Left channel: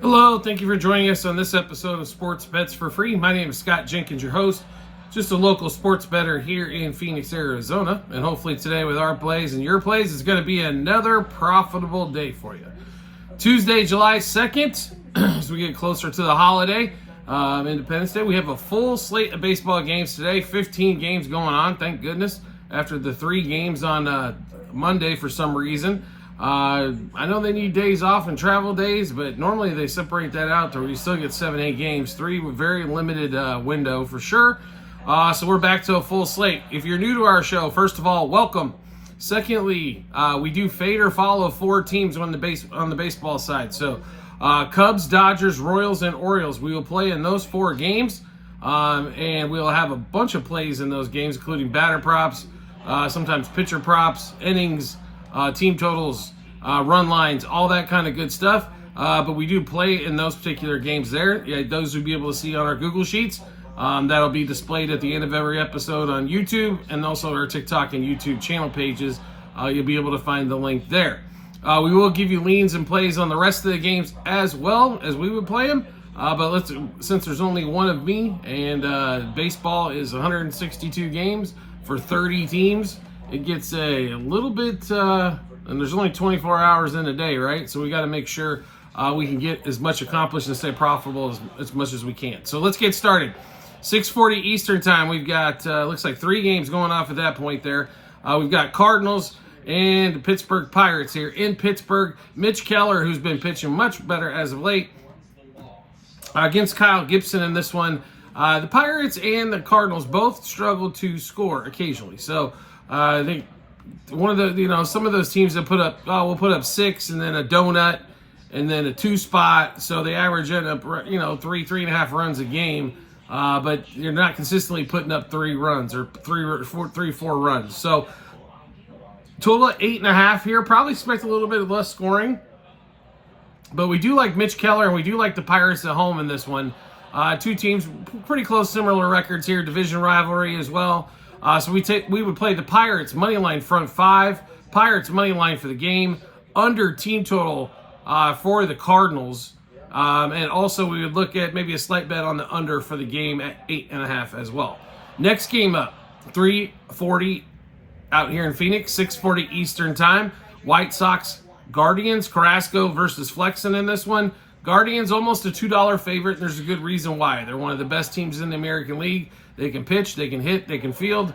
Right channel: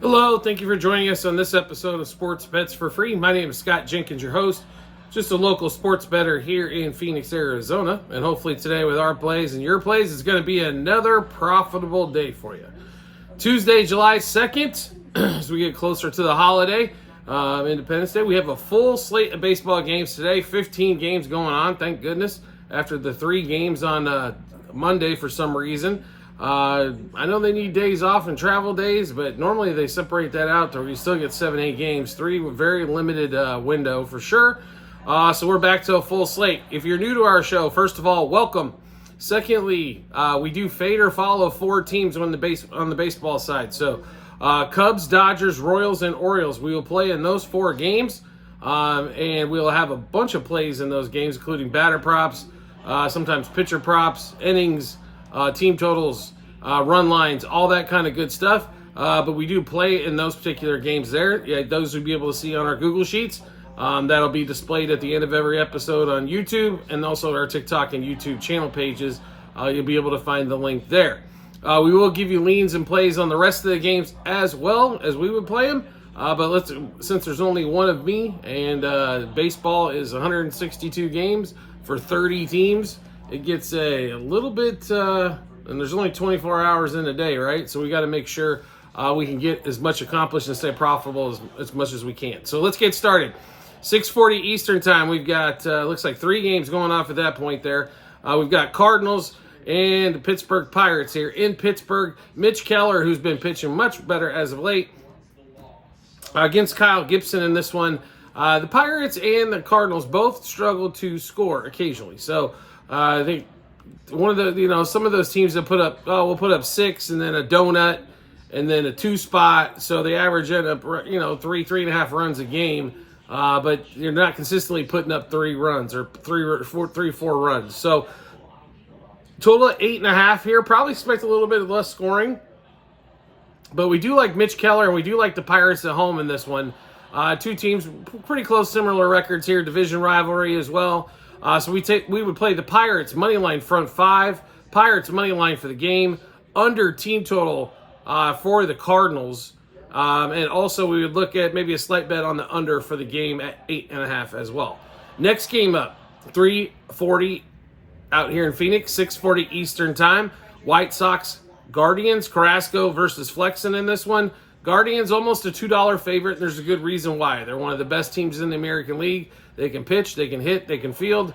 Hello, thank you for joining us on this episode of Sports Bets for Free. My name is Scott Jenkins, your host, just a local sports bettor here in Phoenix, Arizona. And hopefully today with our plays and your plays, it's going to be another profitable day for you. Tuesday, July 2nd, as we get closer to the holiday, Independence Day, we have a full slate of baseball games today, 15 games going on, thank goodness, after the 3 games on Monday for some reason. I know they need days off and travel days, but normally they separate that out to where you still get 7-8 games, 3 very limited window for sure. So we're back to a full slate. If you're new to our show, first of all, welcome. Secondly, we do fade or follow 4 teams on the baseball side. So Cubs, Dodgers, Royals, and Orioles. We will play in those 4 games, and we'll have a bunch of plays in those games, including batter props, sometimes pitcher props, innings, team totals, run lines, all that kind of good stuff. But we do play in those particular games there. Yeah, those you'll be able to see on our Google Sheets. That'll be displayed at the end of every episode on YouTube and also our TikTok and YouTube channel pages. You'll be able to find the link there. We will give you leans and plays on the rest of the games as well as we would play them. But since there's only one of me and baseball is 162 games for 30 teams, it gets a little bit, and there's only 24 hours in a day, right? So we got to make sure we can get as much accomplished and stay profitable as much as we can. So let's get started. 6:40 Eastern time. We've got, looks like 3 games going off at that point there. We've got Cardinals and Pittsburgh Pirates here in Pittsburgh. Mitch Keller, who's been pitching much better as of late, against Kyle Gibson in this one. The Pirates and the Cardinals both struggle to score occasionally. So I think one of the, some of those teams that put up, we'll put up 6 and then a donut and then a 2 spot. So they average end up, 3.5 runs a game. But you're not consistently putting up 3 runs or 4 runs. So total of 8.5 here. Probably expect a little bit less scoring. But we do like Mitch Keller and we do like the Pirates at home in this one. 2 teams, pretty close, similar records here. Division rivalry as well. So we would play the Pirates money line front 5, Pirates money line for the game, under team total for the Cardinals, and also we would look at maybe a slight bet on the under for the game at 8.5 as well. Next game up, 3:40 out here in Phoenix, 6:40 Eastern time. White Sox Guardians, Carrasco versus Flexen in this one. Guardians almost a $2 favorite. There's a good reason why. They're one of the best teams in the American League. They can pitch, they can hit, they can field.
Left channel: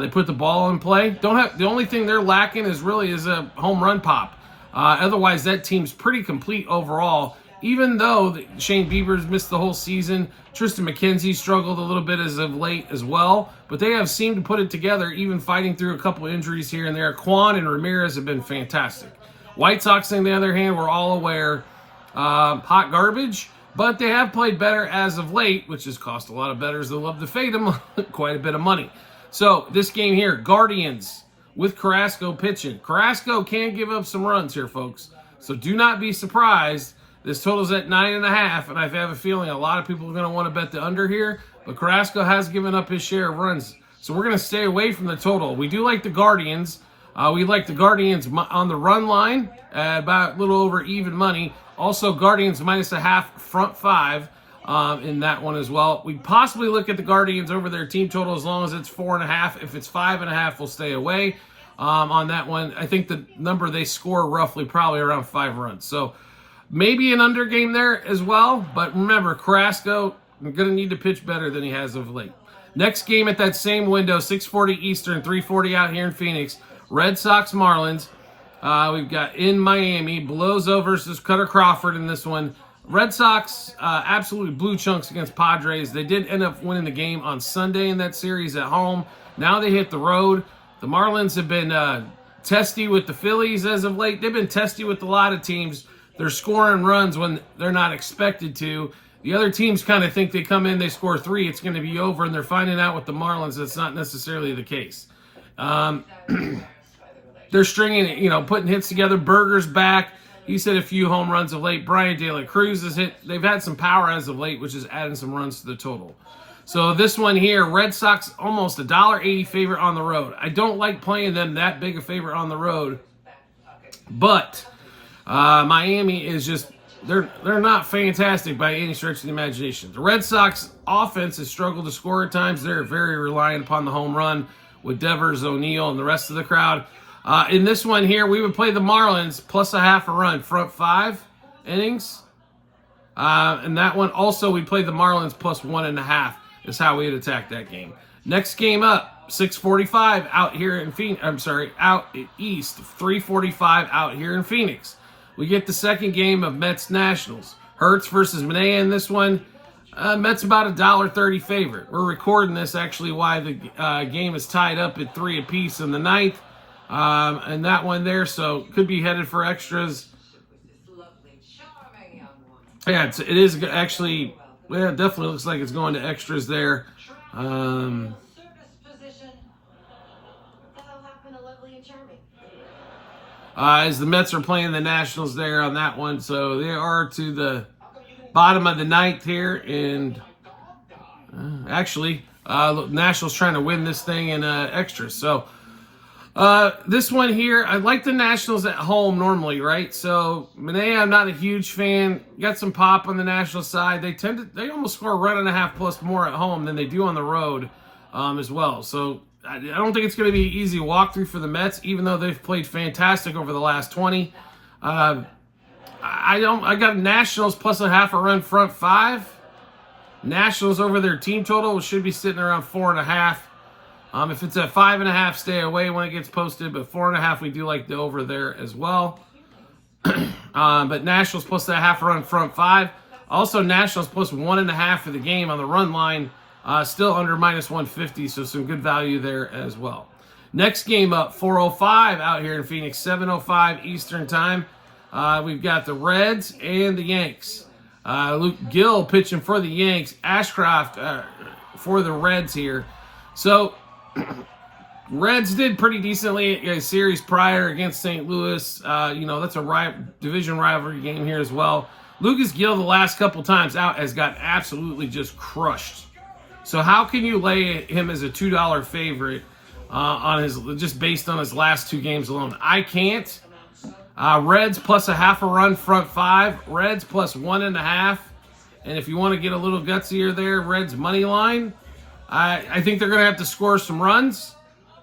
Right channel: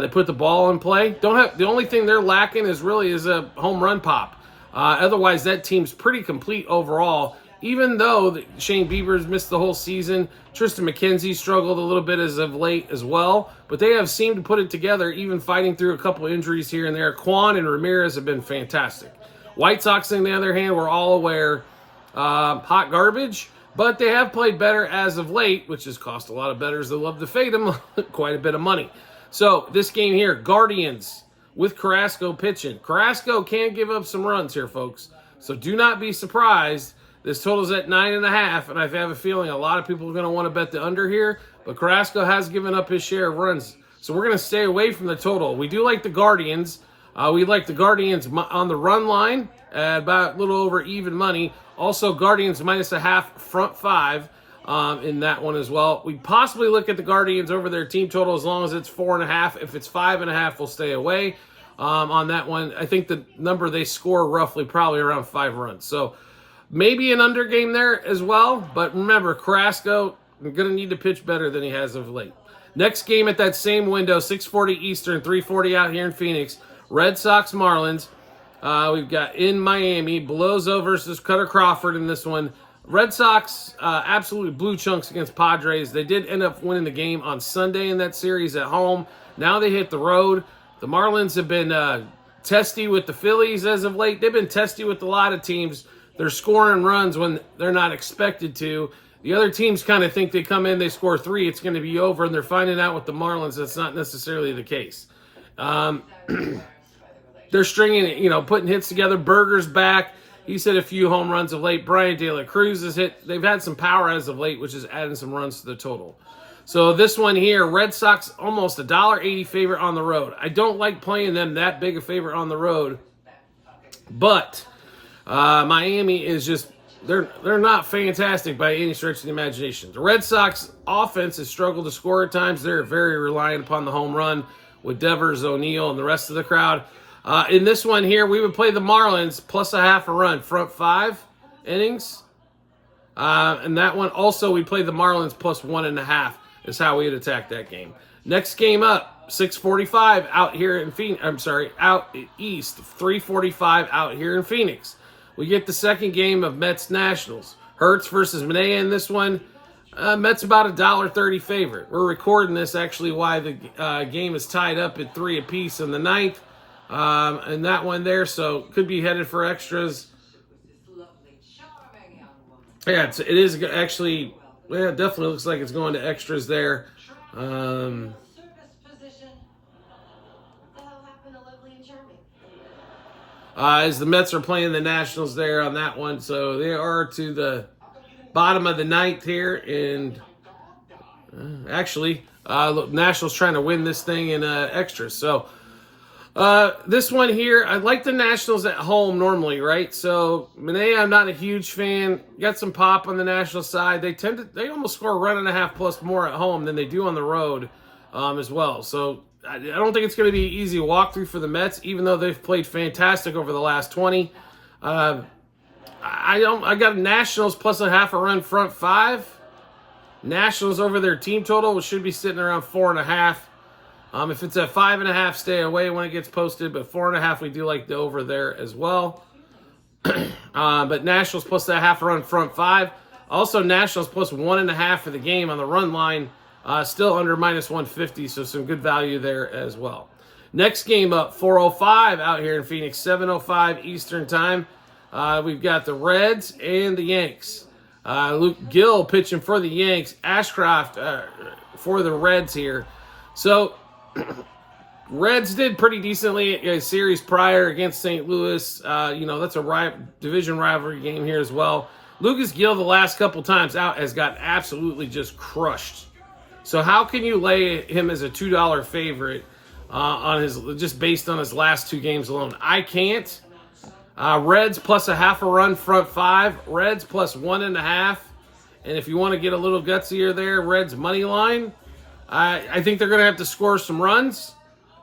They put the ball in play. The only thing they're lacking is a home run pop. Otherwise, that team's pretty complete overall. Even though Shane Bieber's missed the whole season, Tristan McKenzie struggled a little bit as of late as well. But they have seemed to put it together, even fighting through a couple injuries here and there. Kwan and Ramirez have been fantastic. White Sox, on the other hand, we're all aware, hot garbage. But they have played better as of late, which has cost a lot of bettors that love to fade them quite a bit of money. So this game here, Guardians with Carrasco pitching. Carrasco can give up some runs here, folks. So do not be surprised. This total's at 9.5, and I have a feeling a lot of people are going to want to bet the under here. But Carrasco has given up his share of runs. So we're going to stay away from the total. We do like the Guardians. We like the Guardians on the run line at about a little over even money. Also, Guardians -0.5 front 5 in that one as well. We possibly look at the Guardians over their team total as long as it's 4.5. If it's 5.5, we'll stay away on that one. I think the number they score roughly probably around 5 runs. So maybe an under game there as well. But remember, Carrasco going to need to pitch better than he has of late. Next game at that same window, 6:40 Eastern, 3:40 out here in Phoenix. Red Sox Marlins. We've got in Miami, Belozo versus Cutter Crawford in this one. Red Sox absolutely blew chunks against Padres. They did end up winning the game on Sunday in that series at home. Now they hit the road. The Marlins have been testy with the Phillies as of late. They've been testy with a lot of teams. They're scoring runs when they're not expected to. The other teams kind of think they come in, they score 3, it's going to be over, and they're finding out with the Marlins that's not necessarily the case. They're stringing, putting hits together. Berger's back. He's hit a few home runs of late. Brian De La Cruz has hit. They've had some power as of late, which is adding some runs to the total. So this one here, Red Sox almost a $1.80 favorite on the road. I don't like playing them that big a favorite on the road, but Miami is just they're not fantastic by any stretch of the imagination. The Red Sox offense has struggled to score at times. They're very reliant upon the home run with Devers, O'Neill, and the rest of the crowd. In this one here, we would play the Marlins plus a half a run, front 5 innings. And that one also, we play the Marlins plus 1.5 is how we would attack that game. Next game up, 6:45 out here in Phoenix. Out east, 3:45 out here in Phoenix. We get the second game of Mets Nationals. Hertz versus Manaea in this one. Mets about $1.30 favorite. We're recording this actually while the game is tied up at 3 apiece in the ninth. And that one there, so could be headed for extras. Yeah, it is actually, yeah, it definitely looks like it's going to extras there. As the Mets are playing the Nationals there on that one. So they are to the bottom of the ninth here. And actually, Nationals trying to win this thing in extras. So this one here, I like the Nationals at home normally, right? So Manaea, I'm not a huge fan. Got some pop on the National side. They almost score a run and a half plus more at home than they do on the road as well. So I don't think it's going to be an easy walkthrough for the Mets, even though they've played fantastic over the last 20. I got Nationals plus a half a run front 5. Nationals over their team total should be sitting around 4.5. If it's at 5.5, stay away when it gets posted. But 4.5, we do like the over there as well. But Nationals plus that half a run front 5. Also, Nationals plus 1.5 for the game on the run line. Still under minus 150, so some good value there as well. Next game up, 4:05 out here in Phoenix, 7:05 Eastern time. We've got the Reds and the Yanks. Luke Gill pitching for the Yanks. Ashcraft for the Reds here. So, Reds did pretty decently a series prior against St. Louis. That's a division rivalry game here as well. Lucas Gill, the last couple times out, has got absolutely just crushed. So how can you lay him as a $2 favorite just based on his last 2 games alone? I can't. Reds plus a half a run front 5. Reds plus 1.5. And if you want to get a little gutsier there, Reds money line. I think they're going to have to score some runs.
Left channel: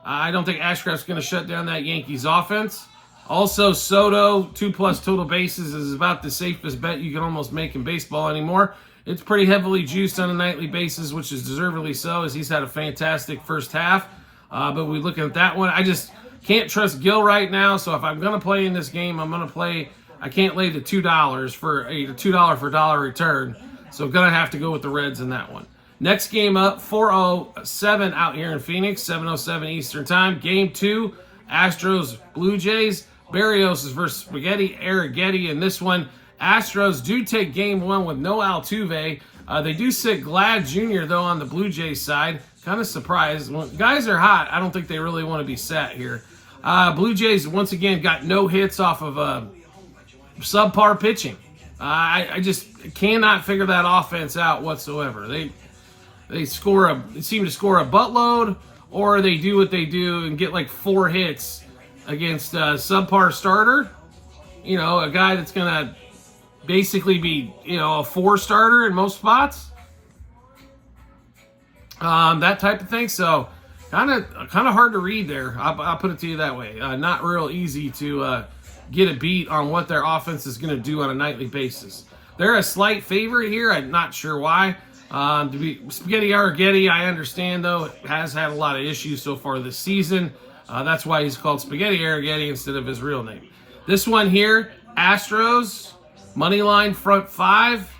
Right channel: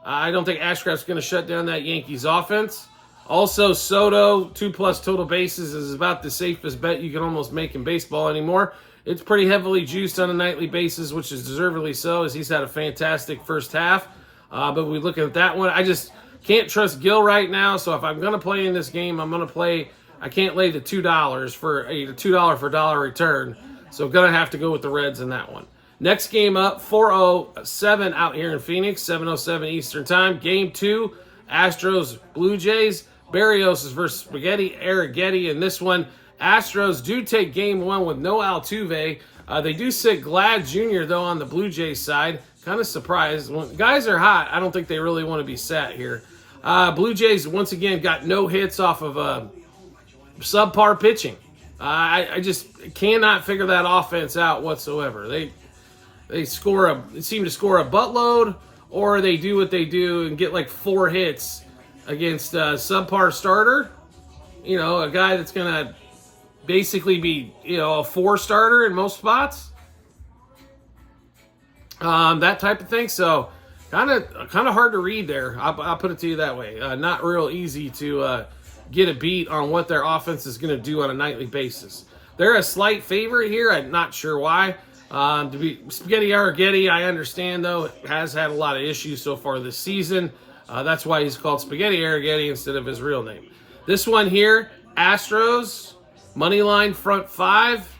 I don't think Ashcraft's going to shut down that Yankees offense. Also, Soto, 2+ total bases is about the safest bet you can almost make in baseball anymore. It's pretty heavily juiced on a nightly basis, which is deservedly so, as he's had a fantastic first half. But we're looking at that one. I just can't trust Gill right now, so if I'm going to play in this game, I can't lay the $2 for a $2 for dollar return. So I'm going to have to go with the Reds in that one. Next game up, 4:07 out here in Phoenix, 7:07 Eastern time. Game 2, Astros, Blue Jays. Barrios is versus Spaghetti Arrighetti in this one. Astros do take game 1 with no Altuve. They do sit Glad Jr., though, on the Blue Jays side. Kind of surprised. When guys are hot, I don't think they really want to be sat here. Blue Jays, once again, got no hits off of subpar pitching. I just cannot figure that offense out whatsoever. They seem to score a buttload, or they do what they do and get like 4 hits against a subpar starter. A guy that's going to basically be, a 4 starter in most spots. That type of thing. So kind of hard to read there. I'll put it to you that way. Not real easy to get a beat on what their offense is going to do on a nightly basis. They're a slight favorite here. I'm not sure why. To be Spaghetti Arrighetti, I understand, though, has had a lot of issues so far this season. That's why he's called Spaghetti Arrighetti instead of his real name. This one here, Astros, money line front 5.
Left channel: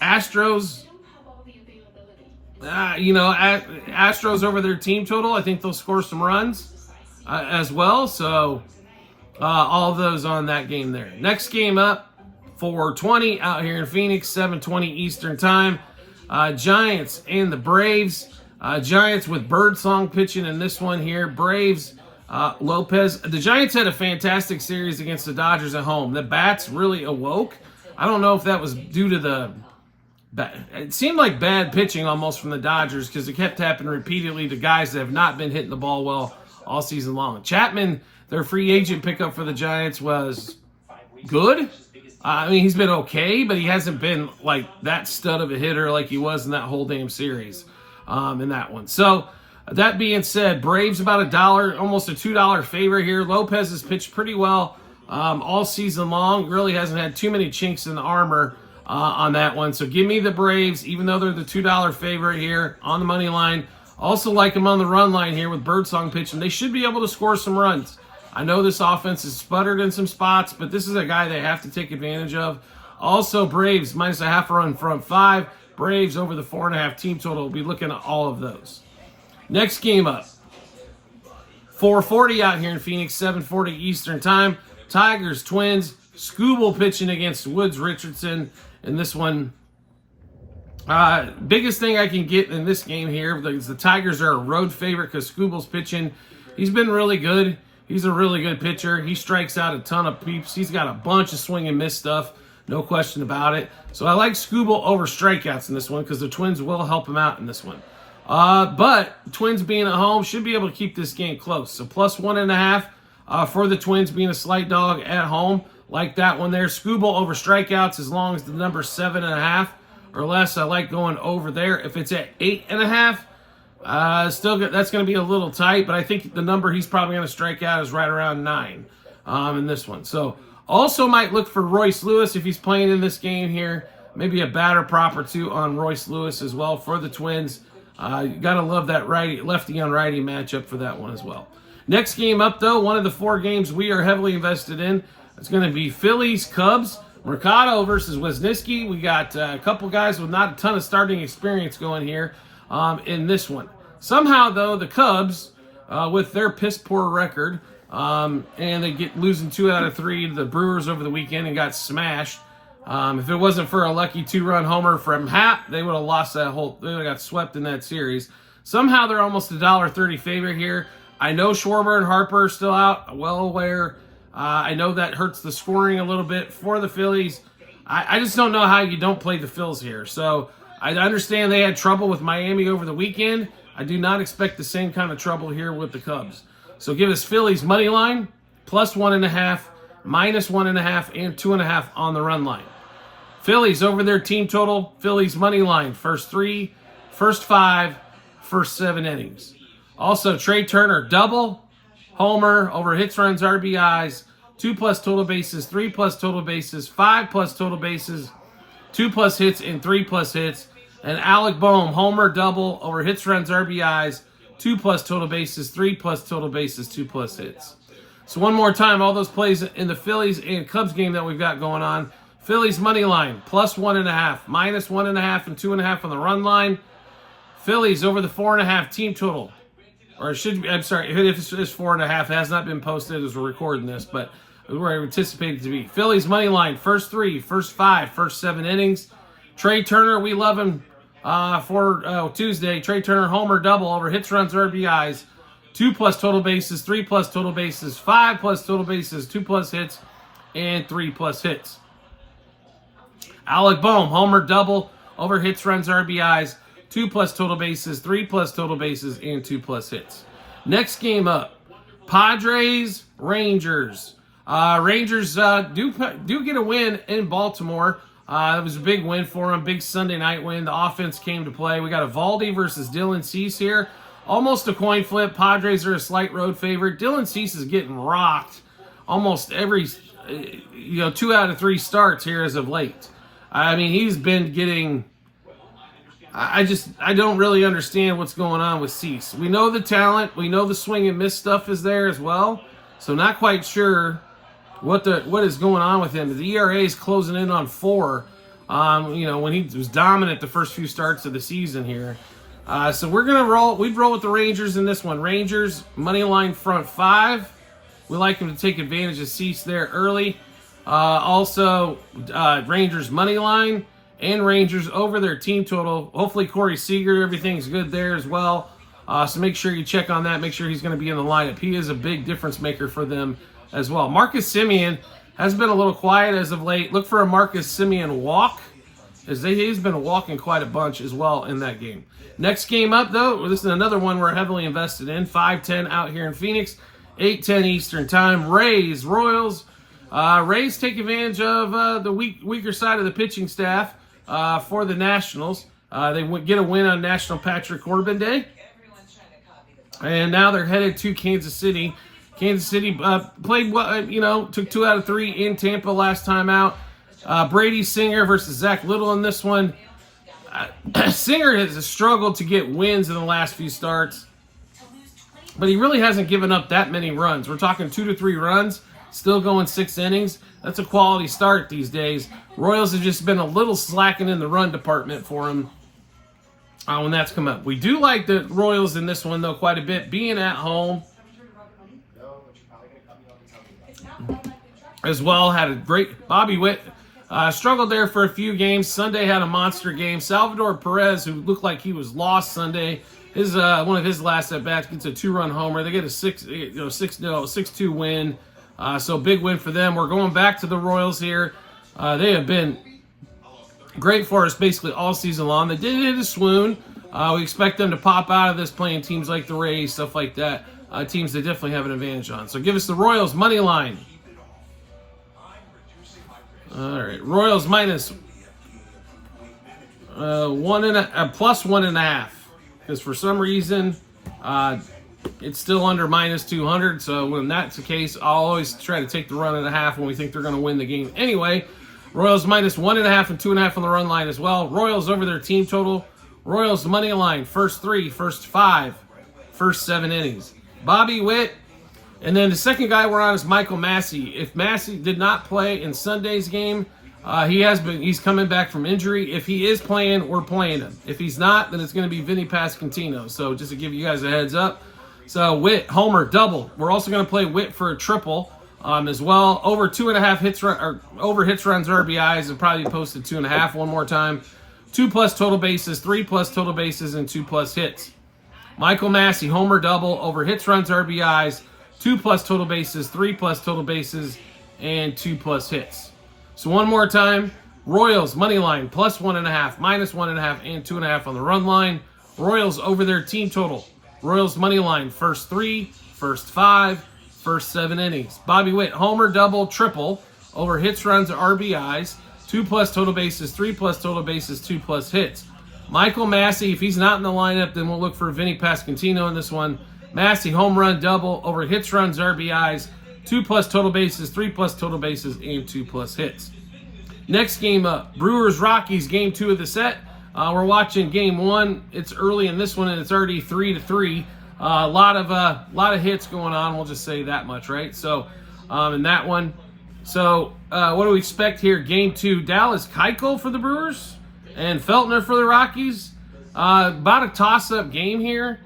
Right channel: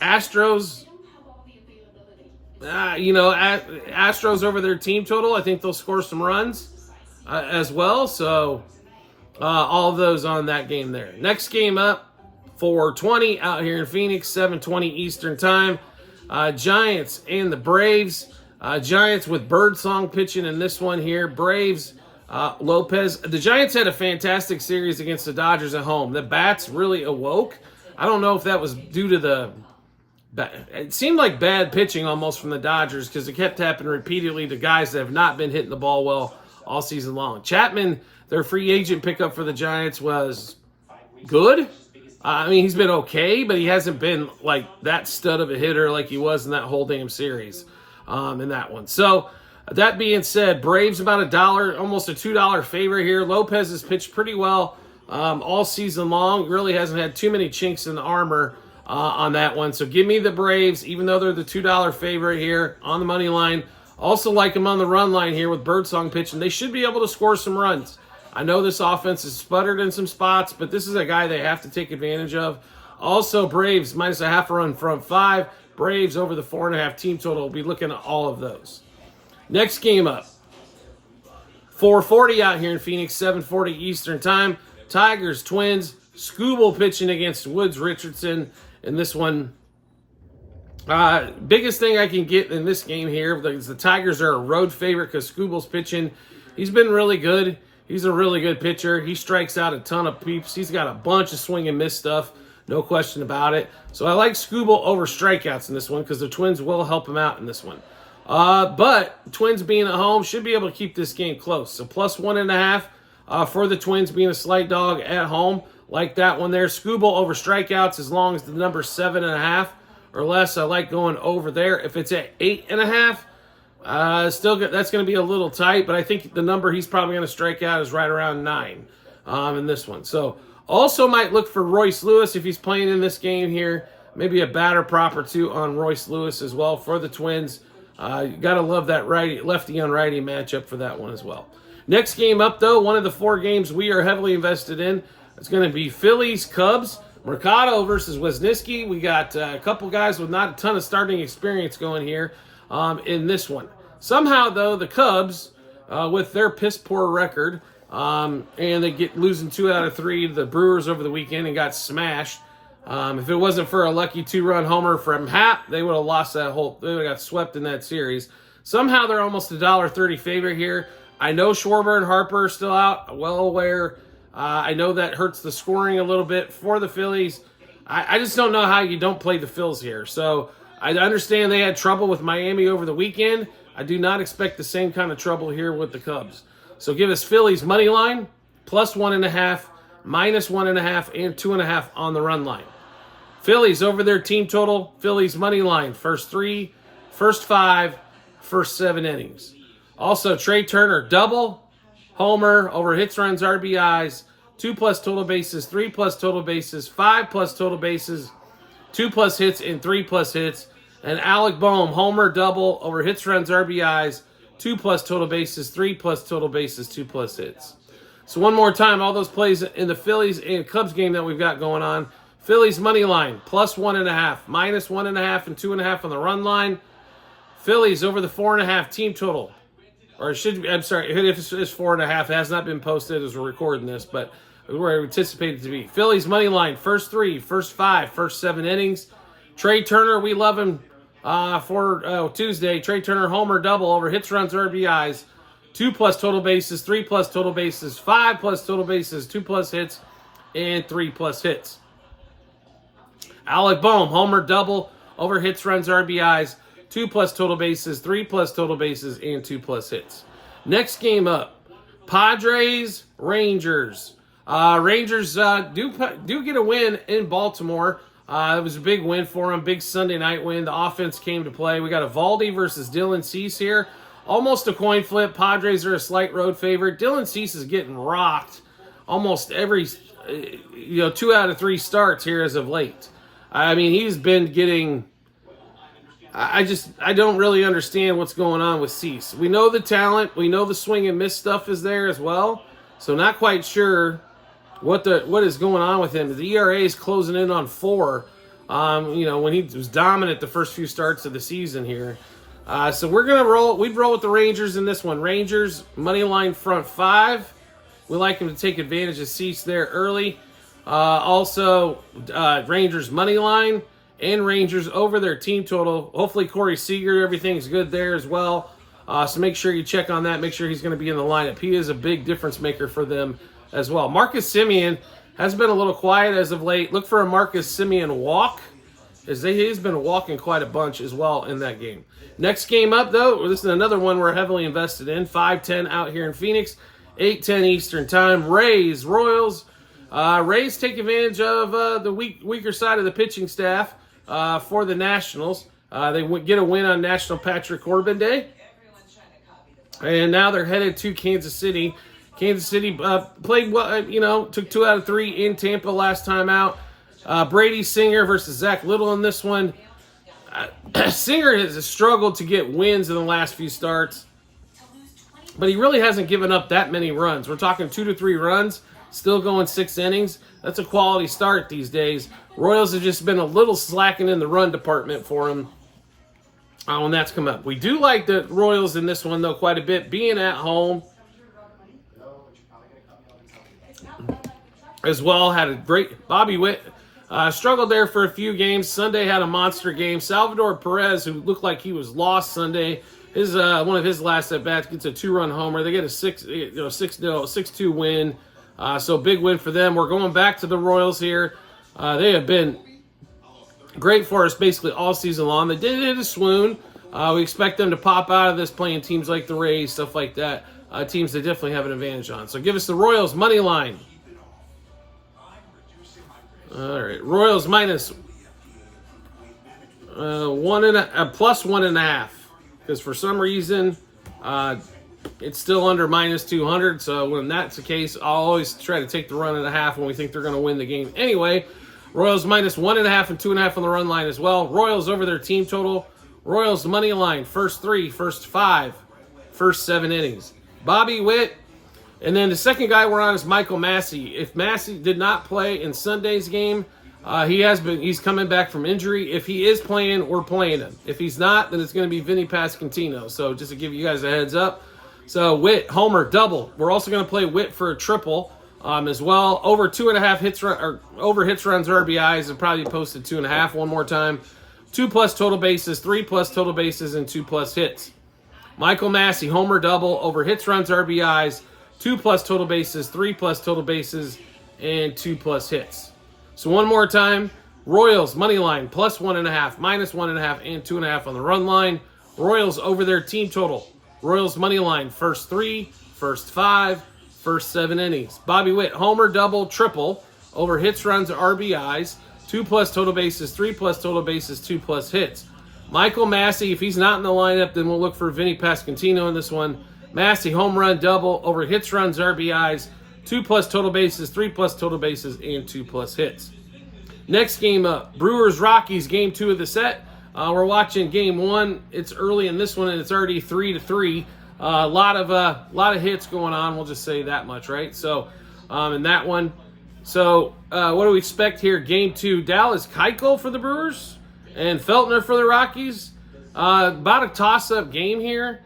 Astros, Astros over their team total. I think they'll score some runs as well. So all of those on that game there. Next game up, 4:20 out here in Phoenix, 7:20 Eastern time. Giants and the Braves. Giants with Birdsong pitching in this one here. Braves, Lopez. The Giants had a fantastic series against the Dodgers at home. The bats really awoke. I don't know if that was due to it seemed like bad pitching almost from the Dodgers, because it kept happening repeatedly to guys that have not been hitting the ball well all season long. Chapman, their free agent pickup for the Giants, was good. I mean, he's been okay, but he hasn't been like that stud of a hitter like he was in that whole damn series in that one. So that being said, Braves about $1, almost a $2 favorite here. Lopez has pitched pretty well all season long. Really hasn't had too many chinks in the armor on that one. So give me the Braves, even though they're the $2 favorite here on the money line. Also like them on the run line here with Birdsong pitching. They should be able to score some runs. I know this offense is sputtered in some spots, but this is a guy they have to take advantage of. Also, Braves minus a half a run front 5. Braves over the 4.5 team total. We'll be looking at all of those. Next game up. 4:40 out here in Phoenix, 7:40 Eastern time. Tigers, Twins. Skubal pitching against Woods Richardson. And this one, biggest thing I can get in this game here is the Tigers are a road favorite because Skubal's pitching. He's been really good. He's a really good pitcher. He strikes out a ton of peeps. He's got a bunch of swing and miss stuff. No question about it. So I like Skubal over strikeouts in this one because the Twins will help him out in this one. But Twins being at home should be able to keep this game close. So plus 1.5 for the Twins being a slight dog at home. Like that one there. Skubal over strikeouts as long as the number's 7.5 or less. I like going over there. If it's at 8.5, that's going to be a little tight, but I think the number he's probably going to strike out is right around 9 in this one. So also might look for Royce Lewis if he's playing in this game here. Maybe a batter prop or two on Royce Lewis as well for the Twins. You got to love that lefty on righty matchup for that one as well. Next game up, though, one of the 4 games we are heavily invested in. It's going to be Phillies, Cubs, Mercado versus Wisniewski. We got a couple guys with not a ton of starting experience going here in this one. Somehow, though, the Cubs, with their piss-poor record, and they get losing 2 out of 3 to the Brewers over the weekend and got smashed. If it wasn't for a lucky 2-run homer from Happ, they would have lost that they would have got swept in that series. Somehow, they're almost a $1.30 favorite here. I know Schwarber and Harper are still out, well aware. I know that hurts the scoring a little bit for the Phillies. I just don't know how you don't play the Phils here. So I understand they had trouble with Miami over the weekend. I do not expect the same kind of trouble here with the Cubs. So give us Phillies money line, plus 1.5, minus 1.5, and 2.5 on the run line. Phillies over their team total. Phillies money line, first 3, first 5, first 7 innings. Also, Trey Turner double, homer over hits, runs, RBIs, 2+ total bases, 3+ total bases, 5+ total bases, 2+ hits, and 3+ hits. And Alec Boehm, homer, double over hits, runs, RBIs, 2+ total bases, 3+ total bases, 2+ hits. So one more time, all those plays in the Phillies and Cubs game that we've got going on. Phillies money line, plus 1.5, minus 1.5, and 2.5 on the run line. Phillies over the 4.5 team total. Or it should be, I'm sorry, if it's 4.5, it has not been posted as we're recording this, but where I anticipate it to be. Phillies money line, first 3, first 5, first 7 innings. Trey Turner, we love him for Tuesday. Trey Turner, homer, double over hits, runs, RBIs, 2+ total bases, 3+ total bases, 5+ total bases, 2+ hits, and 3+ hits. Alec Boehm, homer, double over hits, runs, RBIs, 2+ total bases, 3+ total bases, and 2+ hits. Next game up, Padres, Rangers. Rangers do get a win in Baltimore. It was a big win for them, big Sunday night win. The offense came to play. We got Eovaldi versus Dylan Cease here. Almost a coin flip. Padres are a slight road favorite. Dylan Cease is getting rocked almost every 2 out of 3 starts here as of late. I mean, he's been getting... I don't really understand what's going on with Cease. We know the talent. We know the swing and miss stuff is there as well. So not quite sure what is going on with him. The ERA is closing in on 4. When he was dominant the first few starts of the season here. So we're gonna roll. We'd roll with the Rangers in this one. Rangers money line front 5. We like him to take advantage of Cease there early. Also, Rangers money line. And Rangers over their team total. Hopefully Corey Seager, everything's good there as well. So make sure you check on that. Make sure he's going to be in the lineup. He is a big difference maker for them as well. Marcus Semien has been a little quiet as of late. Look for a Marcus Semien walk, as he's been walking quite a bunch as well in that game. Next game up, though, this is another one we're heavily invested in. 5:10 out here in Phoenix, 8:10 Eastern time. Rays, Royals. Rays take advantage of the weaker side of the pitching staff for the Nationals. They get a win on National Patrick Corbin Day. And now they're headed to Kansas City. Kansas City played, took 2 out of 3 in Tampa last time out. Brady Singer versus Zach Little in this one. Singer has struggled to get wins in the last few starts, but he really hasn't given up that many runs. We're talking 2 to 3 runs, still going 6 innings. That's a quality start these days. Royals have just been a little slacking in the run department for him when that's come up. We do like the Royals in this one, though, quite a bit, being at home as well. Had a great Bobby Witt. Struggled there for a few games. Sunday had a monster game. Salvador Perez, who looked like he was lost Sunday, one of his last at bats gets a 2-run homer. They get a 6-2 win. So big win for them. We're going back to the Royals here. They have been great for us basically all season long. They did hit a swoon. We expect them to pop out of this playing teams like the Rays, stuff like that. Teams they definitely have an advantage on. So give us the Royals money line. All right, Royals minus plus 1.5, because for some reason it's still under minus 200. So when that's the case, I'll always try to take the run and a half when we think they're going to win the game. Anyway, Royals minus 1.5 and 2.5 on the run line as well. Royals over their team total. Royals money line, first 3, first 5, first 7 innings. Bobby Witt. And then the second guy we're on is Michael Massey. If Massey did not play in Sunday's game, he's coming back from injury. If he is playing, we're playing him. If he's not, then it's going to be Vinny Pasquantino. So just to give you guys a heads up. So Witt, homer, double. We're also going to play Witt for a triple as well. Over 2.5 hits over hits, runs, RBIs, and probably posted 2.5 one more time. 2+ total bases, 3+ total bases, and 2+ hits. Michael Massey, homer, double, over hits, runs, RBIs, 2+ total bases, 3+ total bases, and 2+ hits. So one more time, Royals money line plus 1.5, minus 1.5, and 2.5 on the run line. Royals over their team total. Royals money line first 3, first 5, first 7 innings. Bobby Witt homer, double, triple over hits, runs, RBIs, 2+ total bases, 3+ total bases, 2+ hits. Michael Massey, if he's not in the lineup, then we'll look for Vinny Pasquantino in this one. Massey, home run, double, over hits, runs, RBIs, 2+ total bases, 3+ total bases, and 2+ hits. Next game up, Brewers-Rockies, game 2 of the set. We're watching game 1. It's early in this one, and it's already 3-3. A lot of hits going on. We'll just say that much, right? So, in that one. So, what do we expect here? Game 2, Dallas Keuchel for the Brewers and Feltner for the Rockies. About a toss-up game here.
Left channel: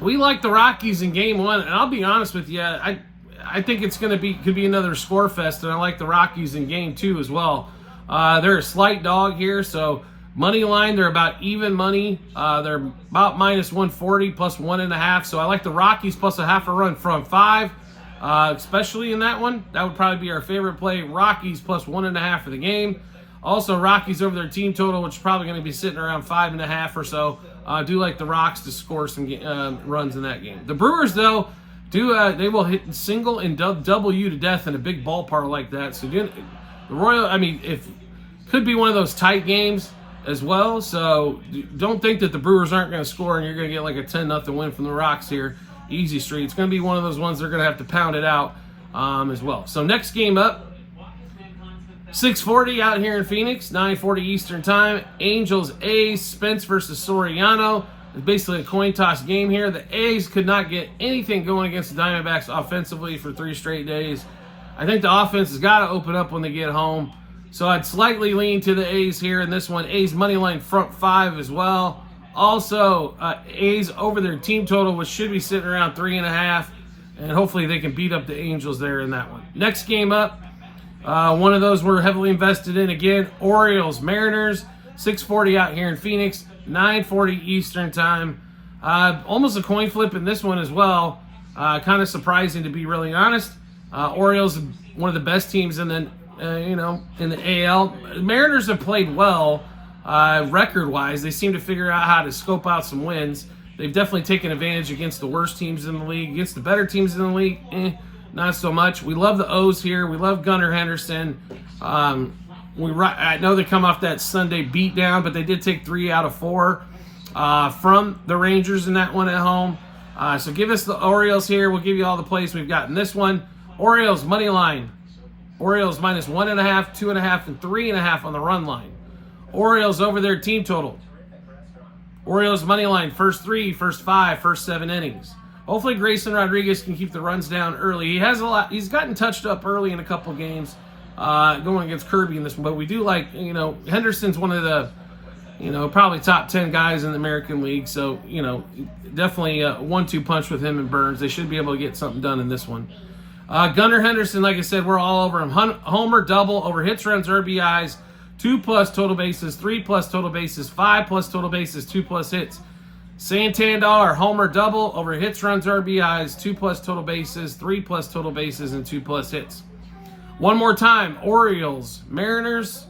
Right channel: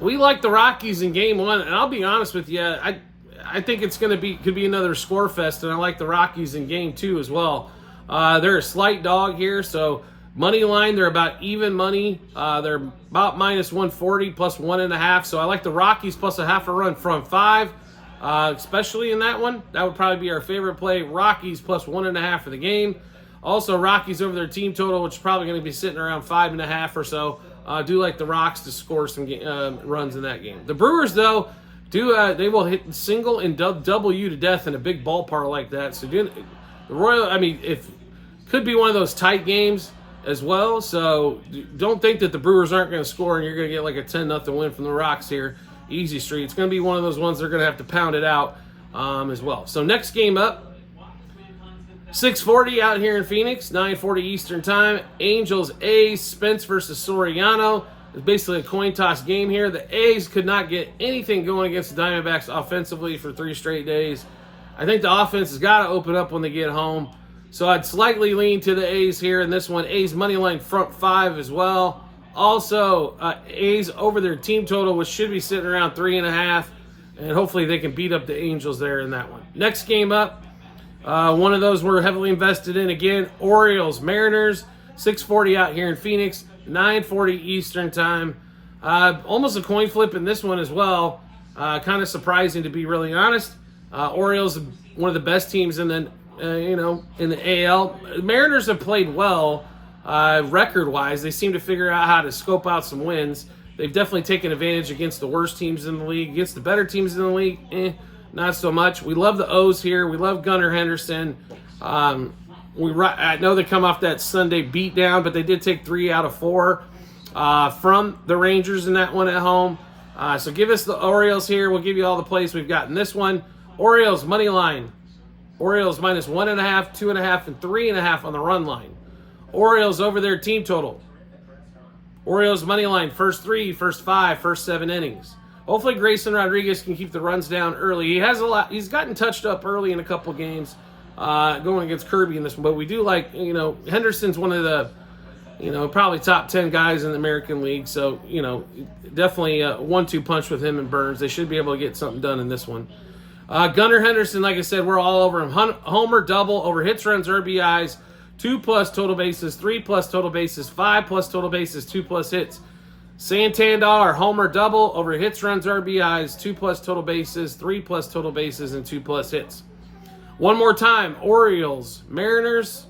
We like the Rockies in game 1, and I'll be honest with you, I think it's could be another score fest, and I like the Rockies in game 2 as well. They're a slight dog here, so money line, they're about even money. They're about minus 140 plus 1.5, so I like the Rockies plus a half a run from 5, especially in that one. That would probably be our favorite play. Rockies plus 1.5 for the game. Also, Rockies over their team total, which is probably going to be sitting around 5.5 or so. I do like the Rocks to score some runs in that game. The Brewers, though, they will hit single and double you to death in a big ballpark like that. So the could be one of those tight games as well. So don't think that the Brewers aren't going to score and you're going to get like a 10-0 win from the Rocks here. Easy street. It's going to be one of those ones they're going to have to pound it out as well. So next game up, 6:40 out here in Phoenix, 9:40 Eastern Time. Angels, A's, Spence versus Soriano. It's basically a coin toss game here. The A's could not get anything going against the Diamondbacks offensively for 3 straight days. I think the offense has got to open up when they get home. So I'd slightly lean to the A's here in this one. A's money line front 5 as well. Also, A's over their team total, which should be sitting around 3.5. And hopefully they can beat up the Angels there in that one. Next game up. One of those we're heavily invested in again. Orioles, Mariners, 6:40 out here in Phoenix, 9:40 Eastern Time. Almost a coin flip in this one as well. Kind of surprising to be really honest. Orioles, one of the best teams in the in the AL. Mariners have played well record-wise. They seem to figure out how to scope out some wins. They've definitely taken advantage against the worst teams in the league. Against the better teams in the league, not so much. We love the O's here. We love Gunnar Henderson. I know they come off that Sunday beatdown, but they did take 3 out of 4 from the Rangers in that one at home. So give us the Orioles here. We'll give you all the plays we've got in this one. Orioles money line. Orioles minus 1.5, 2.5, and 3.5 on the run line. Orioles over their team total. Orioles money line, first 3, first 5, first 7 innings. Hopefully Grayson Rodriguez can keep the runs down early. He's gotten touched up early in a couple games going against Kirby in this one. But we do like, Henderson's one of the, probably top 10 guys in the American League. So, definitely a 1-2 punch with him and Burns. They should be able to get something done in this one. Gunnar Henderson, like I said, we're all over him. Homer, double, over hits, runs, RBIs, 2+ total bases, 3+ total bases, 5+ total bases, 2+ hits. Santander, homer, double, over hits, runs, RBIs, 2+ total bases, 3+ total bases, and 2+ hits. One more time, Orioles, Mariners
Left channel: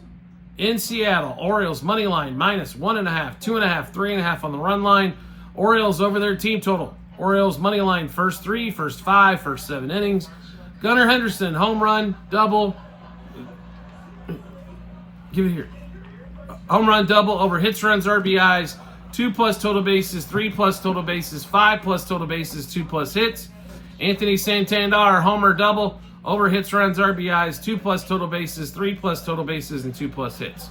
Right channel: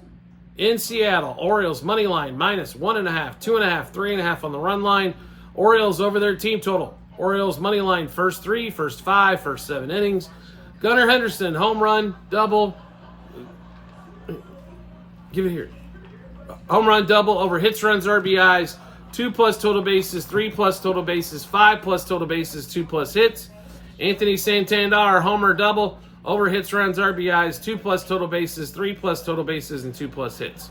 in Seattle. Orioles money line, minus 1.5, 2.5, 3.5 on the run line. Orioles over their team total. Orioles money line, first 3, first 5, first 7 innings. Gunnar Henderson, home run, double. Give it here. Home run, double, over hits, runs, RBIs, 2+ total bases, 3+ total bases, 5+ total bases, 2+ hits. Anthony Santander, homer, double, over hits, runs, RBIs, 2+ total bases, 3+ total bases, and 2+ hits.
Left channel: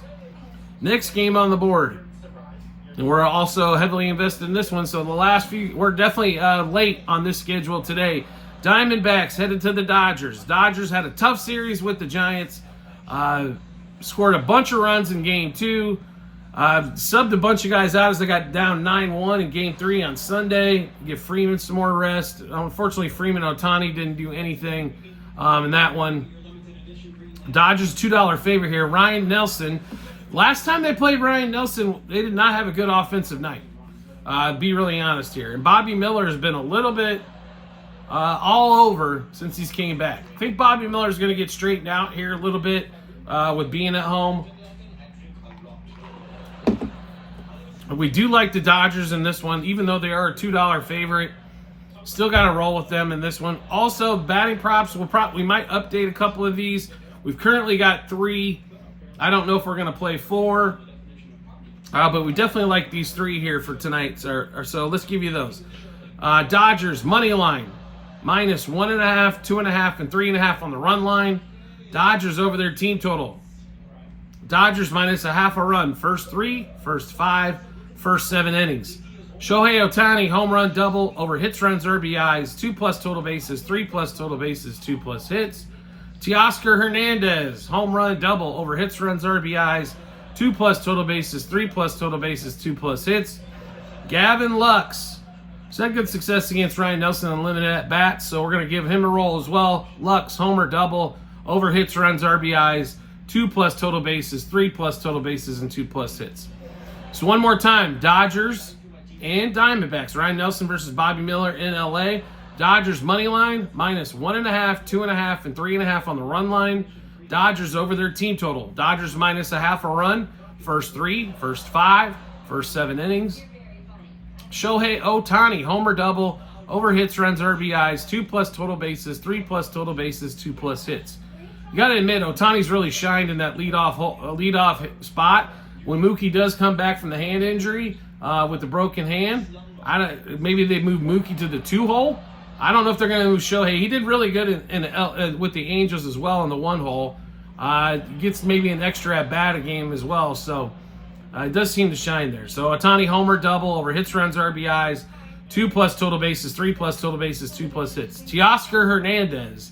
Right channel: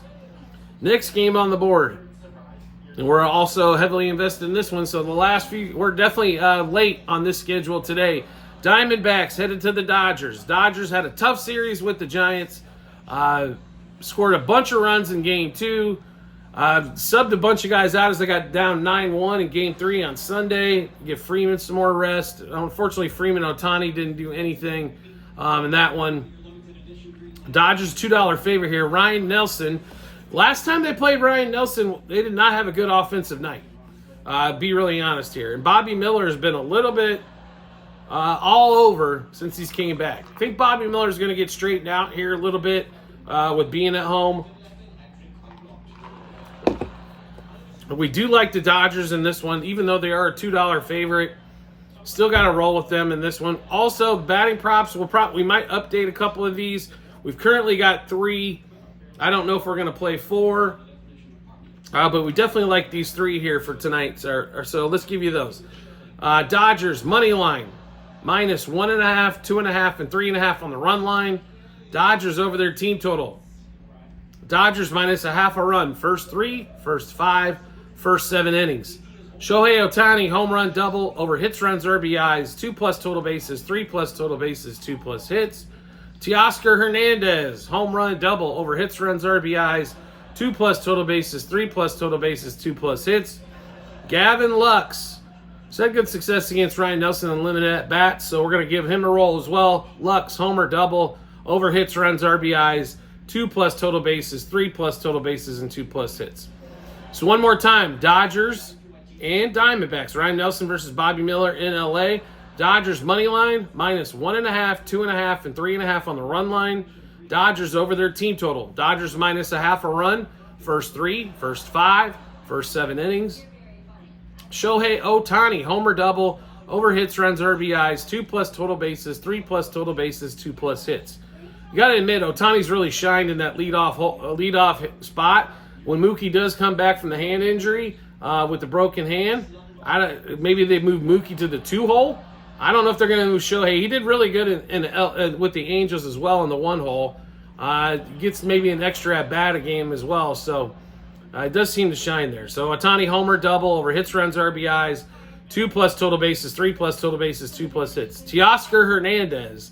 Next game on the board. And we're also heavily invested in this one. So the last few, we're definitely late on this schedule today. Diamondbacks headed to the Dodgers. Dodgers had a tough series with the Giants. Scored a bunch of runs in Game 2. Subbed a bunch of guys out as they got down 9-1 in Game 3 on Sunday. Give Freeman some more rest. Unfortunately, Freeman Ohtani didn't do anything in that one. Dodgers $2 favorite here. Ryan Nelson. Last time they played Ryan Nelson, they did not have a good offensive night. Be really honest here. And Bobby Miller has been a little bit all over since he's came back. I think Bobby Miller is going to get straightened out here a little bit with being at home. We do like the Dodgers in this one, even though they are a $2 favorite. Still got to roll with them in this one. Also, batting props, we might update a couple of these. We've currently got 3. I don't know if we're going to play 4, but we definitely like these 3 here for tonight. So let's give you those. Dodgers, money line, minus 1.5, 2.5, and 3.5 on the run line. Dodgers over their team total. Dodgers minus 0.5 a run, first 3, first 5, first 7 innings. Shohei Ohtani, home run, double, over hits, runs, RBIs, 2+ total bases, 3+ total bases, 2+ hits. Teoscar Hernandez, home run, double, over hits, runs, RBIs, 2+ total bases, 3+ total bases, 2+ hits. Gavin Lux, had good success against Ryan Nelson in limited at bats, so we're going to give him a roll as well. Lux, homer, double, over hits, runs, RBIs, 2+ total bases, 3+ total bases, and 2+ hits. So one more time, Dodgers and Diamondbacks. Ryan Nelson versus Bobby Miller in LA. Dodgers money line, minus 1.5, 2.5, and 3.5 on the run line. Dodgers over their team total. Dodgers minus 0.5 a run, first 3, first 5, first 7 innings. Shohei Ohtani, homer, double, over hits, runs, RBIs, 2+ total bases, 3+ total bases, 2+ hits. You got to admit, Ohtani's really shined in that leadoff spot. When Mookie does come back from the hand injury with the broken hand, maybe they move Mookie to the 2-hole. I don't know if they're going to move Shohei. He did really good with the Angels as well in the 1-hole. Gets maybe an extra at-bat a game as well, so it does seem to shine there. So Ohtani, homer, double, over hits, runs, RBIs, 2+ total bases, 3+ total bases, 2+ hits. Teoscar Hernandez.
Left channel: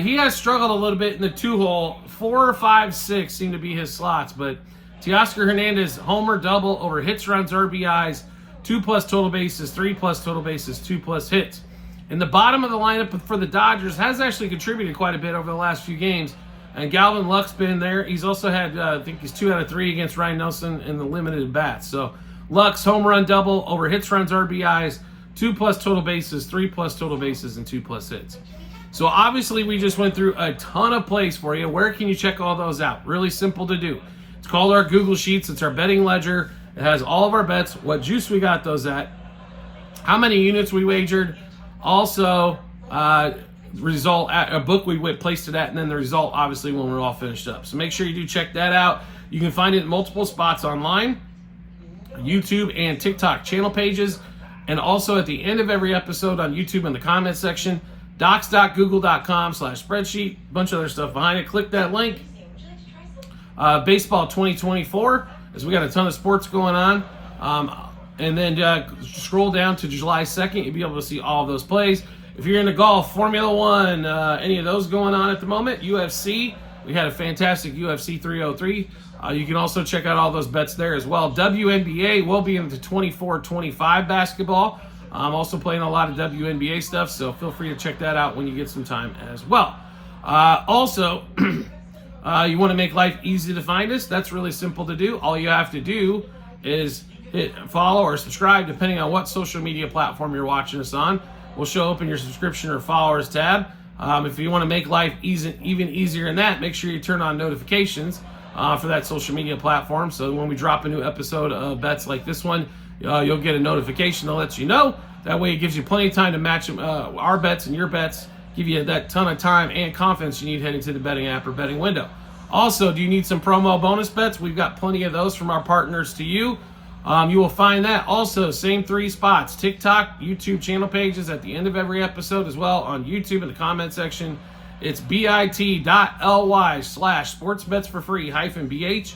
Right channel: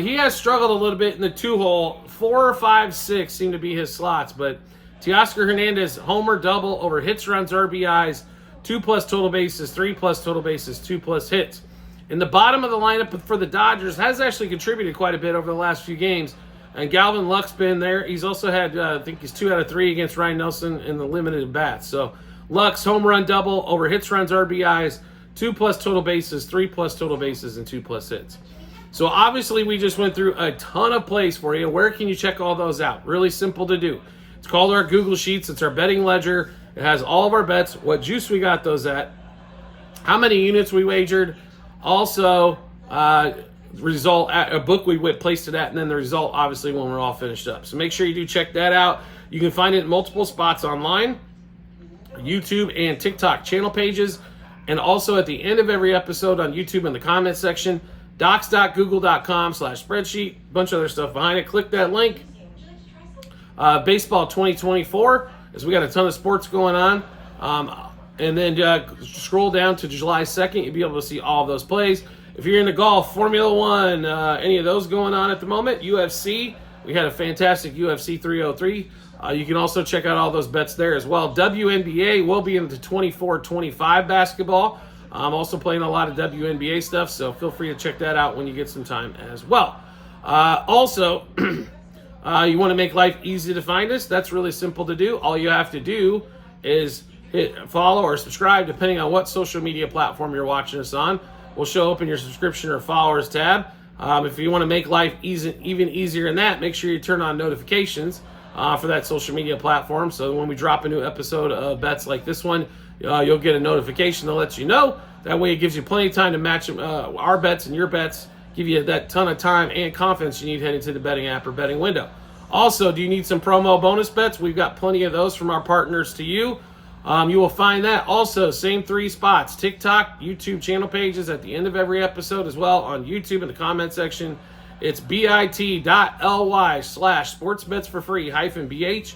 He has struggled a little bit in the 2-hole. 4, 5, 6 seem to be his slots, but Teoscar Hernandez, homer, double, over hits, runs, RBIs, 2+ total bases, 3+ total bases, 2+ hits. In the bottom of the lineup for the Dodgers has actually contributed quite a bit over the last few games. And Galvin Lux been there. He's also had, I think he's 2 out of 3 against Ryan Nelson in the limited bats. So Lux, home run, double, over hits, runs, RBIs, 2+ total bases, 3+ total bases, and 2+ hits. So obviously we just went through a ton of plays for you. Where can you check all those out? Really simple to do. It's called our Google Sheets. It's our betting ledger. It has all of our bets, what juice we got those at, how many units we wagered. Also, result at a book we placed it at, and then the result obviously when we're all finished up. So make sure you do check that out. You can find it in multiple spots online, YouTube and TikTok channel pages, and also at the end of every episode on YouTube in the comments section, docs.google.com/spreadsheet, bunch of other stuff behind it. Click that link. Baseball 2024, as we got a ton of sports going on. And then scroll down to July 2nd. You'll be able to see all of those plays. If you're into golf, Formula One, any of those going on at the moment, UFC, we had a fantastic UFC 303. You can also check out all those bets there as well. WNBA will be into 24-25 basketball. I'm also playing a lot of WNBA stuff, so feel free to check that out when you get some time as well. Also, you want to make life easy to find us? That's really simple to do. All you have to do is hit follow or subscribe, depending on what social media platform you're watching us on. Will show up in your subscription or followers tab. If you want to make life even easier than that, make sure you turn on notifications for that social media platform. So when we drop a new episode of bets like this one, you'll get a notification that lets you know. That way it gives you plenty of time to match our bets and your bets, give you that ton of time and confidence you need heading to the betting app or betting window. Also, do you need some promo bonus bets? We've got plenty of those from our partners to you. You will find that also, same 3 spots, TikTok, YouTube channel pages at the end of every episode, as well on YouTube in the comment section. It's bit.ly/sportsbetsforfree-bh.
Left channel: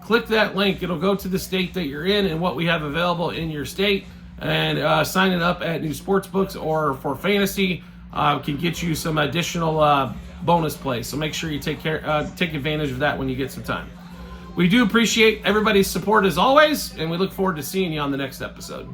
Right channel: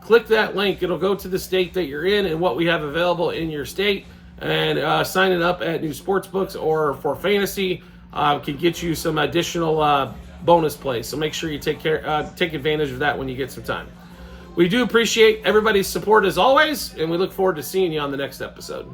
Click that link. It'll go to the state that you're in and what we have available in your state. And signing up at new sports books or for fantasy can get you some additional bonus plays. So make sure you take advantage of that when you get some time. We do appreciate everybody's support as always, and we look forward to seeing you on the next episode.